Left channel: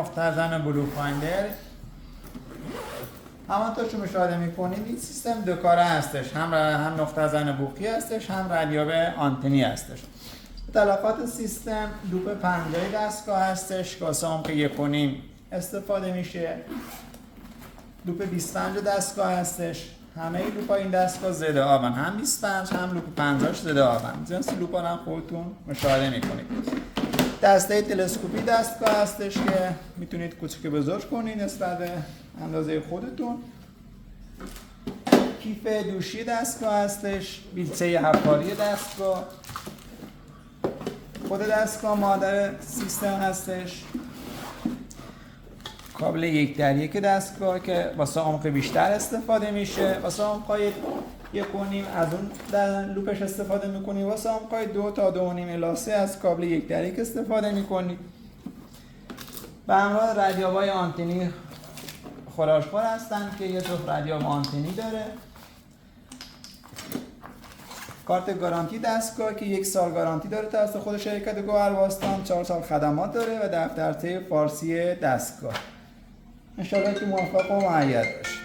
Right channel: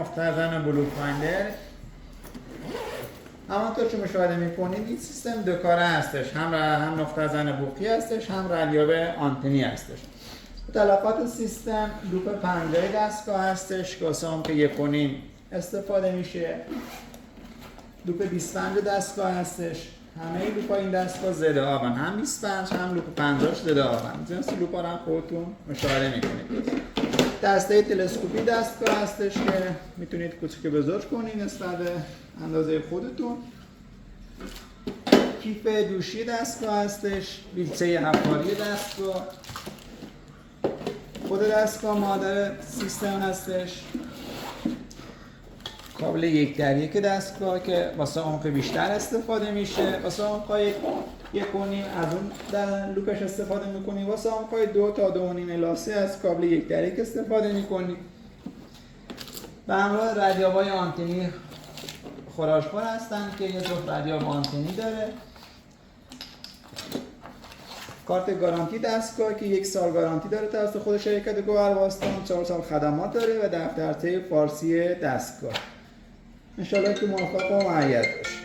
نفتازن بلو فایندر همانطور که مشاهده میکنید این سیستم دو کاره هستش، هم نفتازن بوقی هستش، هم ردیاب آنتنی هستش. اطلاقات سیستم لوپ 50 دستگاه هستش که واسه عمق 1.5 استفاده میشه. لوپ 25 دستگاه هستش. همه لوپ این دستگاه ضد آبن، هم 25 هم لوپ 50 ضد آبن. جنس لوپ ها رو هم خودتون مشاهده میکنید. دسته تلسکوپی دستگاه هستش که میتونید کوچیک بزرگ کنید نسبت به اندازه خودتون. کیف دوشی دستگاه هستش، بیلچه هواری دستگاه، خود دستگاه مادر سیستم هستش، کابل 1:1 دستگاه که واسه عمق بیشتر استفاده میشه. واسه عمق‌های 1.5 از اون در لوپش استفاده میکنیم. واسه عمق‌های 2 تا 2.5 الی 3 از کابل 1:1 استفاده میکنیم. به همراه ردیاب‌های آنتنی خراش‌بار هستن که یه جفت ردیاب آنتنی داره. کارت گارانتی دستگاه که 1 سال گارانتی داره توسط خود شرکت گوهرباستان، 4 سال خدمات داره و دفترچه فارسی دستگاه. انشالله که موفق و مؤید باشه.